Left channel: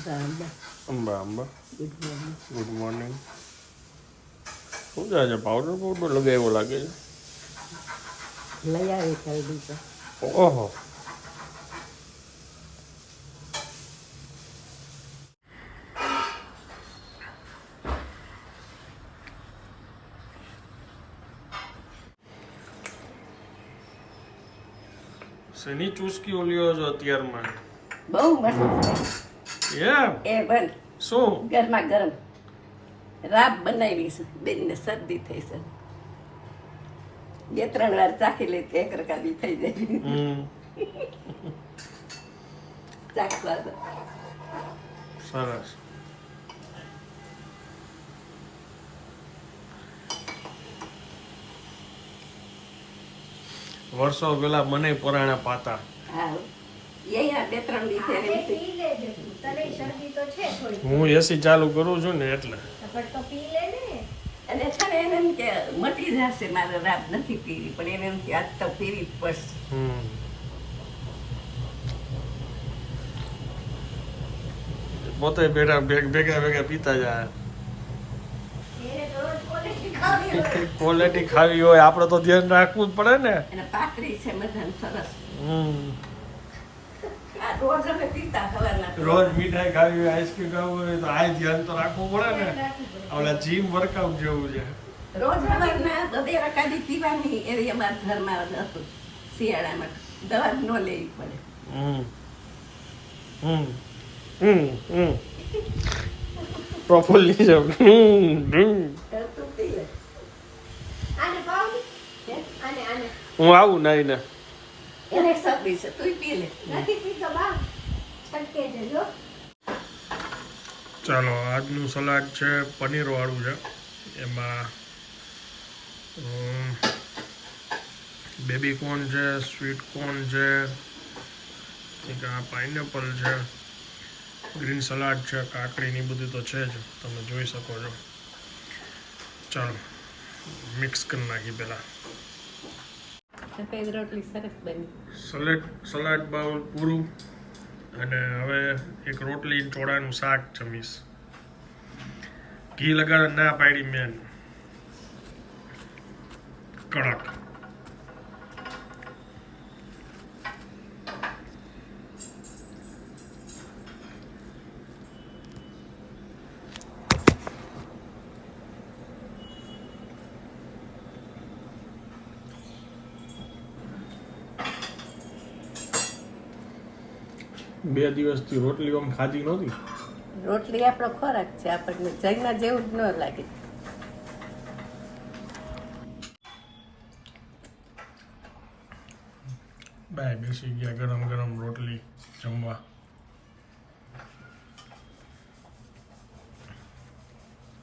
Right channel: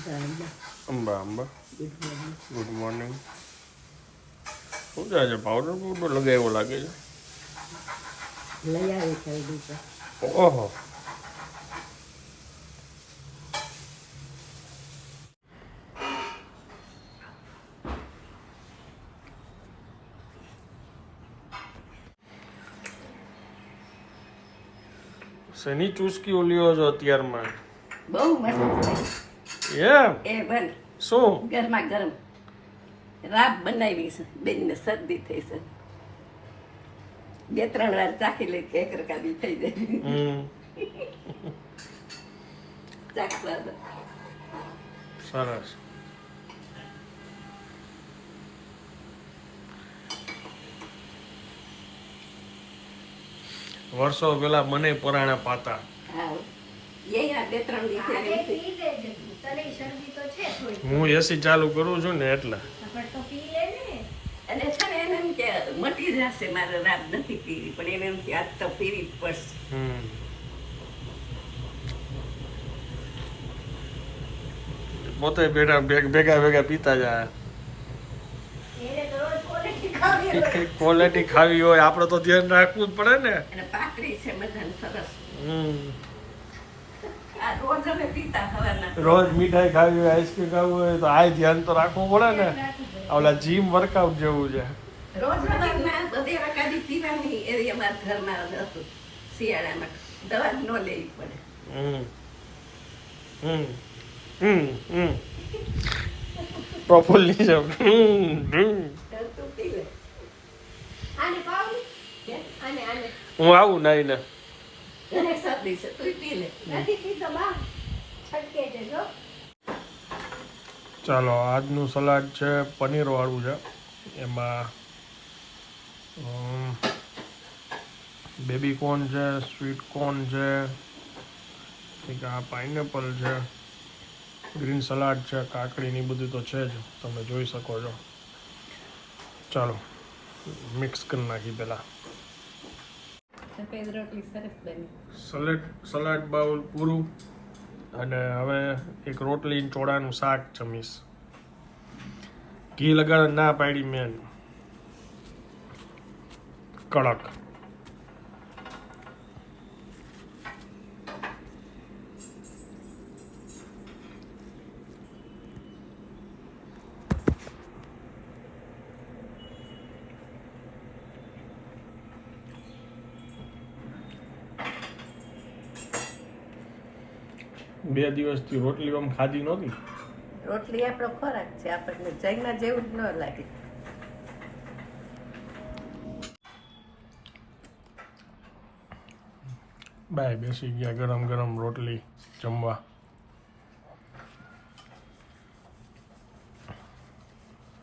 Amba Amba good morning. શું થાય છે? પાવડર પાવડર લગાવ્યો લાગે છે. લઈ આવી ખરીદી તો. ઓહો, શેની ચૂસકી ઓલ્યો છો અત્યારમાં? બહુ મસ્ત એમ? એ બન શું? ગરમા ગરમ રાબ બનાવી છે. બેનને શરદી થઈ છે. 2-3 વાર ચાખી લે એક રકાબી થઈ જાય. ચાખવા દો. સરસ. વર્ષો પેલા મને પરાણા પાતા. હા એ આ 2-3 દિવસે હું એસી ચાલુ કરું છું ને એટલે. અને છે ને એને એમ કે મટી જશે મારે રાત નથી પીવી પણ એને એમ કે આજ તો પીવી જ પડશે. પોતે ભેગા ભેગા પીતા જાય. ક્વોલિટી ખાવી હોય આપણે તો ધ્યાન રાખવું જ પડે ને. અને પાતળી છે બધાને સરસ. આ રોજ અમે પીતા હવારના. રોજ મીઠાઈ ખાવી હોય, આઈસ્ક્રીમ ખાવી હોય તો આ ધ્યાન તો રાખવું પડે ને. ઓલા જીમ વર્કઆઉટ જેવું છે. રોજ સવારના 2 રકાબી પીવાની એવી અમારા ઘરમાં હતું. શિયાળામાં દવા ન લેવી પડે. પ્રોપરલી જવું. હું આવું નહીં ને. એને શરદી છે તું પી લે. ચાલો, આજનું સલાડ છે પનીર વાળું છે. એમાં બેબી કોર્ન છે, સ્વીટ કોર્ન છે, એક આ પાઇનેપલ છે, ગ્રીન સલાડ છે, કાકડીની બધું તો છે જ, તમે જોઈ શકો છો. ચાલો મિક્સ કરી નાખી પહેલાં. સફેદ રોટલી સરસ બની. સલાડ બાઉલ પૂરું. અને હવે એક રોટલી ચોળાનું શાક જમીશ. ઘી લગાવે ના પાડી મેં. કડક. બે દિવસથી રોટલી આમ ખાધી નહોતી. રોટલી આપણો ખોરાક છે, આપણને જઈના જેવું જ ન લાગે. બાય બેસી ગયા ગરમ ગરમ રોટલી જમવા.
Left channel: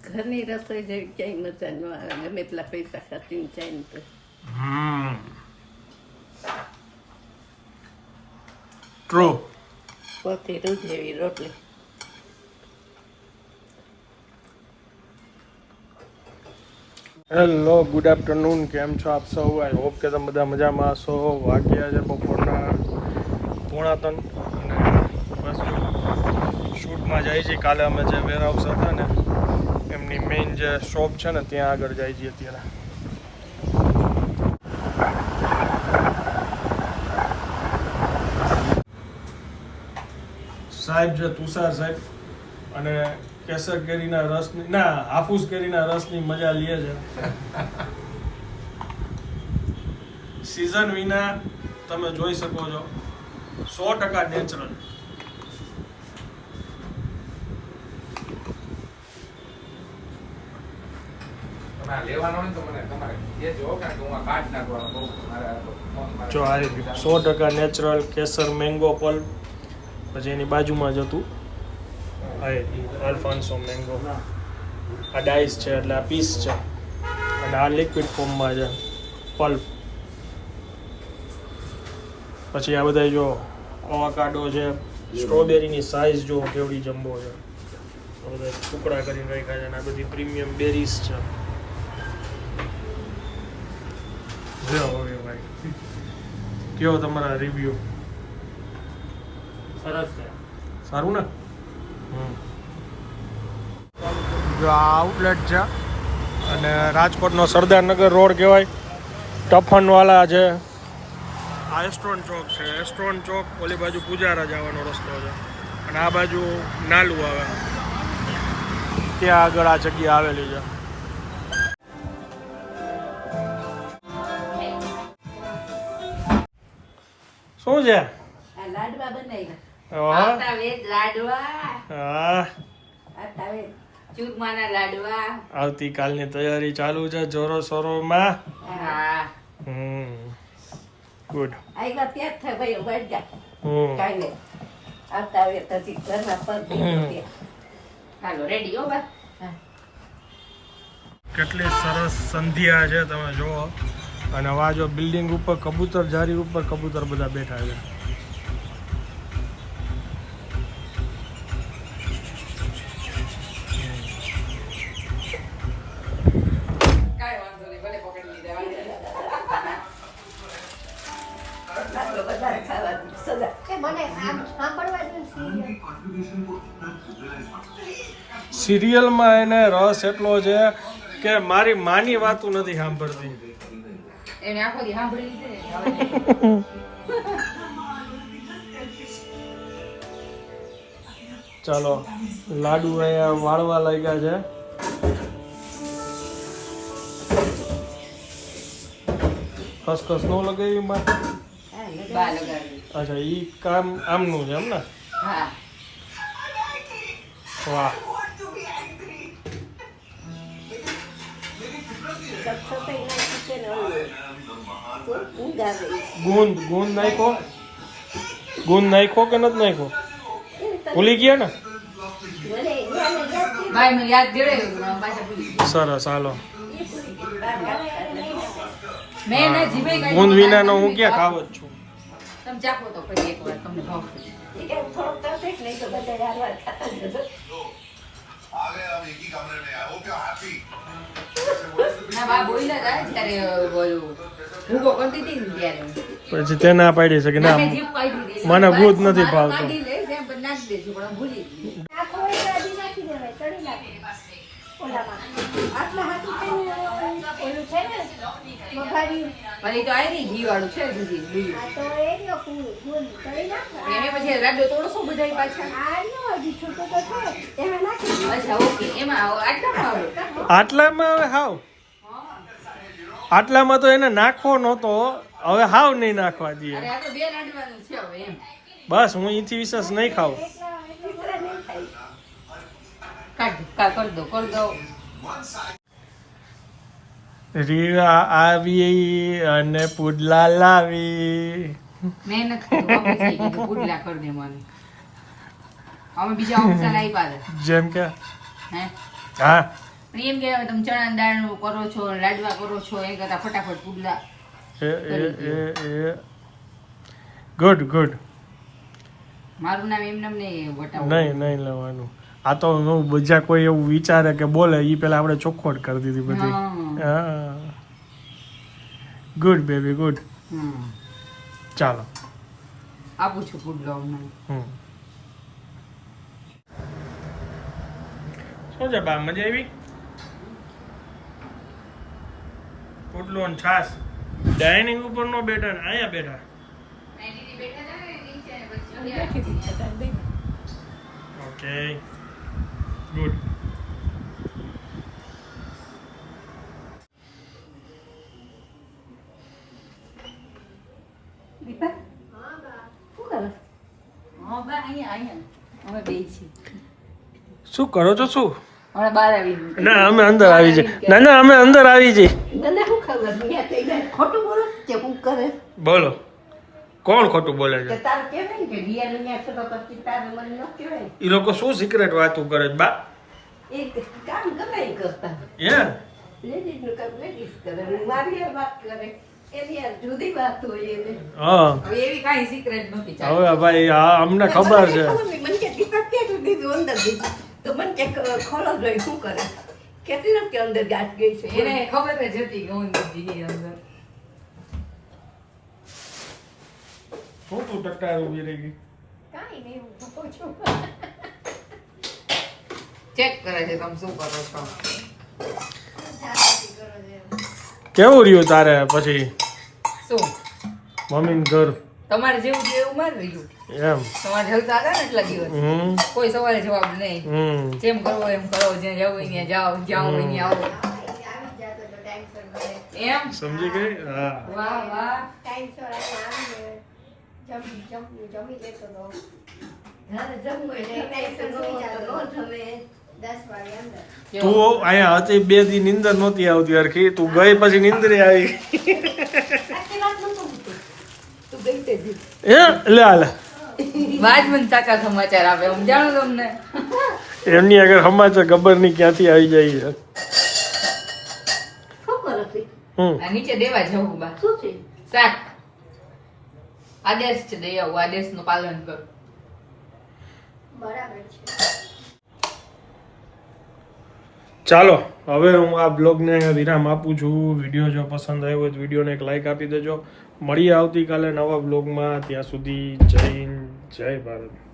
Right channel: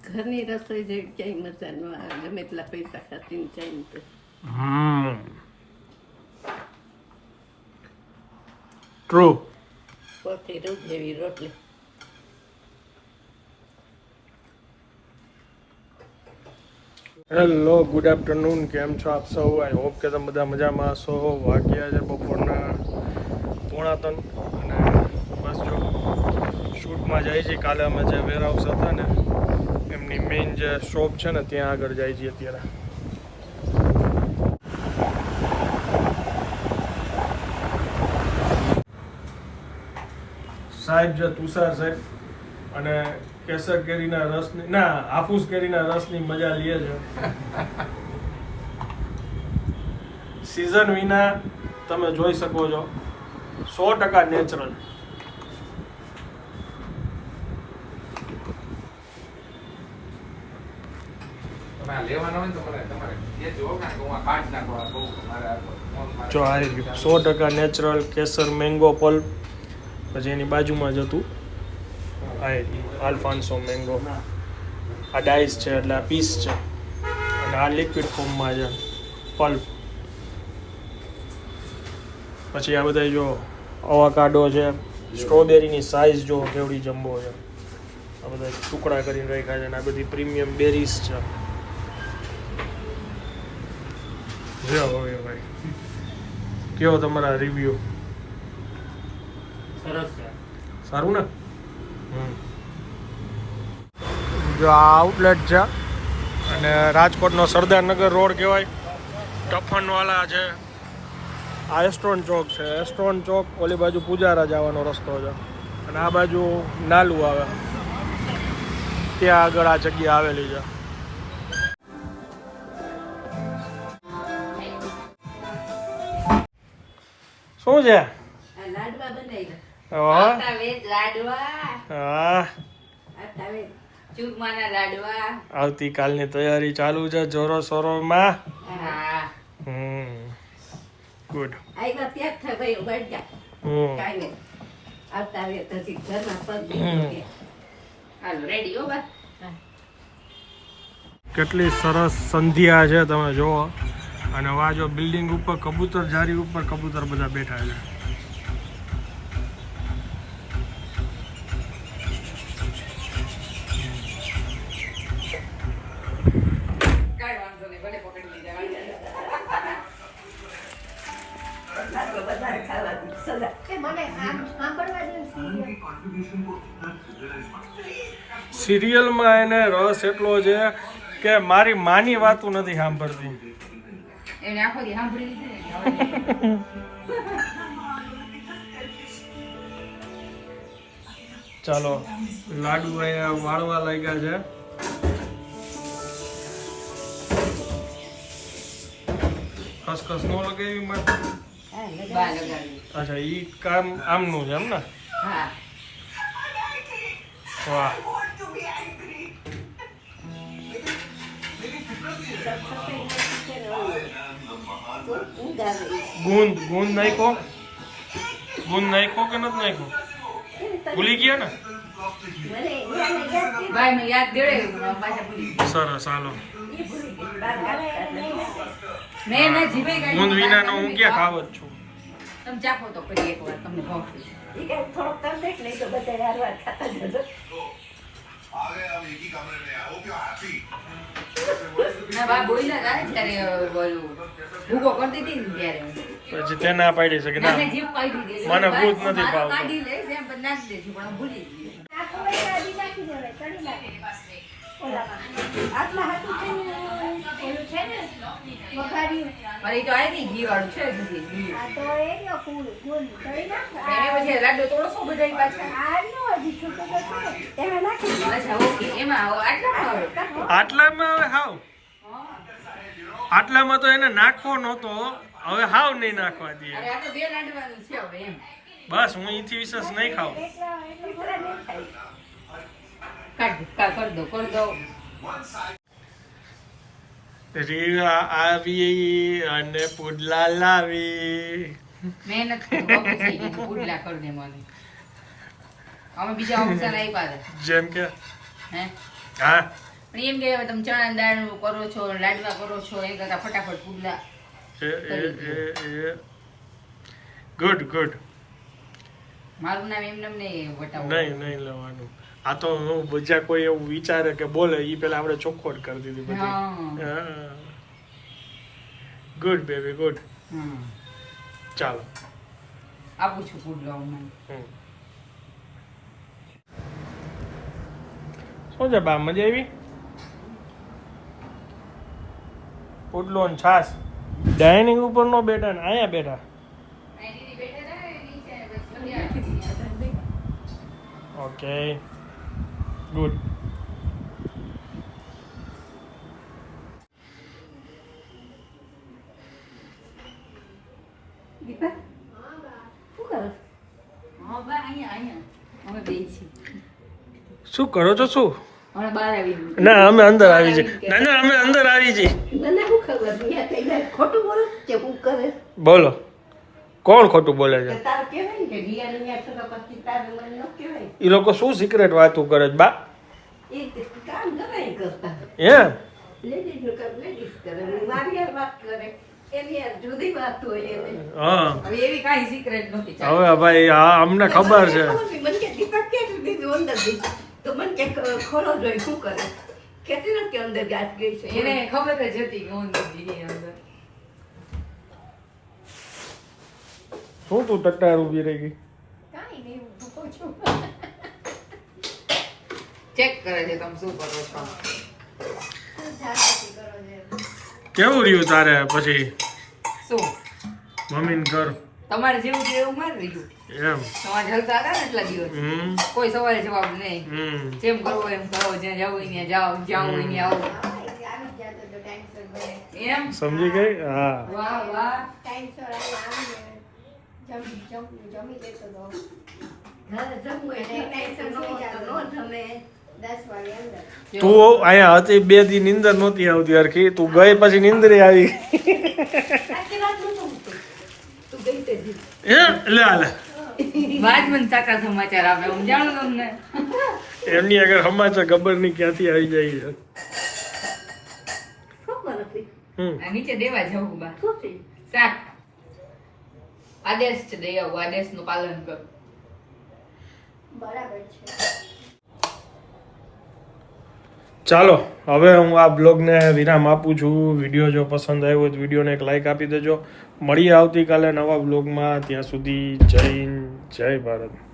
ઘરની રસોઈ જેવી ક્યાંય મજા ન આવે. ગમે એટલા પૈસા ખર્ચીને જાય ને તો. ટ્રુ. પોતે રોજ જેવી રોટલી. Hello, good afternoon. કેમ છો આપ સૌ? આઈ હોપ કે તમે બધા મજામાં હશો. વાગ્યા છે બપોરના 2:45 અને બસ જો શૂટમાં જાય છે. કાલે અમે જે વેરહાઉસ હતા ને એમની મેઇન જે શોપ છે ને ત્યાં આગળ જાય છે અત્યારે. સાહેબ છે તુષાર સાહેબ અને કેસર કેરીના રસની હાફૂસ કેરીના રસની મજા લે છે. સિઝન વિના તમે જોઈ શકો છો 100% નેચરલ. જો આ 100% નેચરલ કેસર મેંગો પલ્પ. પછી એની બાજુમાં જ હતું આલ્ફાન્સો મેંગો. આ ડાઈસ છે એટલે આ પીસ છે અને આ લિક્વિડ ફોર્મમાં છે પલ્પ. પછી આ બધા જો અવાકાડો છે. સ્ટ્રોબેરીની સાઇઝ જો કેવડી જમ્બો છે. આ બધા ટુકડા કરીને રાખ્યા છે અને આ બધી પ્રીમિયમ બેરીઝ છે. જો હવે ભાઈ કેવો તમારા રિવ્યુ? સરસ છે. સારું ને? જો આ આઉટલેટ છે અને રાજકોટનો સરદારનગર રોડ કહેવાય. ટફનવાલા છે, આ એસ્ટ્રોન ચોક છે. એસ્ટ્રોન ચોક ઓલી બાજુ પૂજારા જવાનો રસ્તો છે અને આ બાજુ નાલું આવે, ત્યાં આગળ આ જગ્યા આવેલી છે. શું છે? આ લાડવા બનાવ્યા. ઓહો. આટા વેદ લાડવા. હા, આટા વેદ ચૂરમાના લાડવા. આવતીકાલની તૈયારી ચાલુ છે જોરો શોરોમાં. હા. ગુડ. આવ્યા ત્યાં જ થાય ભાઈ વળ જા. કાંઈ નહીં. આવતા વેદ હજી ઘરના પગ નહીં. હાલો રેડી હો બસ. કેટલી સરસ સંધ્યા છે તમે જુઓ. અને આ જો બિલ્ડિંગ ઉપર કબૂતર જારી ઉપર કબૂતર બધા બેઠા છે. વધારે ખાવાની સદા. સિરિયલમાં એને રસ એટલો છે કે મારી માની વાતું નથી સાંભળતી. એને આખો દી સાંભળી લીધું ને. ચાલો લાડુ અહીંયા વાળવા લાગ્યા છે. ખસખસ નો લગાવી માં. બા લગાવી. અચ્છા ઈ કામ આમનું છે એમ ને. હા. વાહ. ગુંદ ગુંદ નાખો, ગુંદ નાખો કે નથી નાખો? ભૂલી ગયા ને? ભાઈનું યાદ દેવડાવ્યું પાછા ભૂલી ગયા. સરસ હાલો. મેં એને જીભે કાઢી ગુંદ વિનાનો હું ક્યાં ખાવ જ છું. તમે ચાપો તો પછી એકવાર તમને ભાવશે. ના બા બોલ્યા હતા ને ત્યારે બોલું ભૂકો કરતી હતી ને ત્યારે હું. પછી તે ના પાડી શકે ના ના. મેં જીભ કાઢી દીધી. મને ભૂત નથી મારો ભાવતું. કાઢી લઈશ એમ પણ નાખી દેજો પણ હું ભૂલી ગઈ. પણ એ તો આવી ગઈ ઘી વાળું છે જ હજી. એને પછી લાડુ તોડશો બધા પાછા. અચ્છા ઓકે એમાં આટલો મારો. આટલામાં હવે હાવ, આટલામાં તો એને નાખવો નહોતો, હવે હાવ નહીં નાખવા દઈએ. અરે આ તો બે લાડવાનું છે હવે એમ. બસ હું ઈથી વિશેષ નહીં ખાઉં. કરી દો કરી દો. રીવા આવી અને પુડલા લાવી. મહેનત કરી પછી કીધું પુડલા કરી દે મને. અમે બીજા ઓપ્શન આપ્યા હતા. જેમ કે હે હા પણ એમ કે હવે તમે ચણા દાળનું કરો છો લાડવા કરો છો એ કરતા ફટાફટ પુડલા. એ ગુડ ગુડ. મારું નામ એમ નામ નહીં વટાવું. નહીં લેવાનું. આ તો હું બીજા કોઈ એવું વિચારે કે બોલે ઈ પેલા આપણે ચોખ્ખોટ કરી દીધી બધી. હા ગુડ બેબી ગુડ. ચાલો આપું છું પુડલો મને. શું છે બા મજા આવી? પુડલો ને છાસ. ડાઇનિંગ ઉપર નો બેઠા ને અહીંયા બેઠા. Okay good. દીપા શું કરો? હા બા અહીંયા અમે બે છીએ. શું કરો છો? શું હમણાં બહાર આવી ગયું. ના અમે અંદર આવી જઈએ. ના અમે અંદર આવી જઈએ. મને શું ખબર ખોટું બોલે કે હું કરે? બોલો કોણ ખોટું બોલે છે? તારે કહેવાય ને કે રિયા ને છો તો પછી તારે મને ન કહેવાય. એ લોકો શું સિક્રેટ વાતો કરે છે બા? એ કામ ગમે કરતા એમ લેડીઝ નું કામ લેડીઝ કરે મારી હારે વાત કરે એની હારે જુદી વાત હોય એને. હા હવે એવી કાંઈ સિક્રેટ નથી. હવે ભાઈ આ અમને ખબર છે. મને કે દીપક ક્યાં સુધી દીધું અંદર દીધું તો મને કે ખોલો જોઈ શું કરે કેટલી નથી અંદર જાત ગઈ છે એને ખબર જ હતી કે અંદર દીધી અંદર. શું તું ટટ્ટાર ઉભી રહી ગઈ? કાંઈ નહીં હું કહું છું. ચેક કરે છે તમે શું કરો છો. કેવું રહ્યું તારે પછી શું મમ્મીને ઘર તમારે જેવું છે એવું મારે રહ્યું. એમ તમારે જલસા હતા ને એટલા દિવસ કોઈ સવારે જવાબ નહીં. જેમ કરવો એમ કરો, જ્યાં જવું હોય ત્યાં જાઓ, જ્યાં હોય ત્યાં આવો. એમ સમજી ગઈ? હા. વાહ વાહ. તું અહીંયા હતી 2 દી નીંદર નહોતી આવતી હરખી, તું ગઈ પછી નીંદર આવી. લે હાલે વાત મને ચાકા સમાચાર આપે હું જાણું તમને. એમની આગળ સમાચાર ખબર નહીં ક્યાંથી આવી જાય છે. આ નીચે દેવા જવું બા શાક આદેશ છે દઈ આવું, આદેશ નું પાલન કર. ચાલો હવે હું આ બ્લોગને વિરામ આપું છું. વિડીયો જો પસંદ આવ્યો હોય તો વિડીયોને એક લાઈક આપી દેજો. મળીએ આવતીકાલે નવા બ્લોગમાં. ત્યાં સુધી જય હિન્દ, જય ભારત.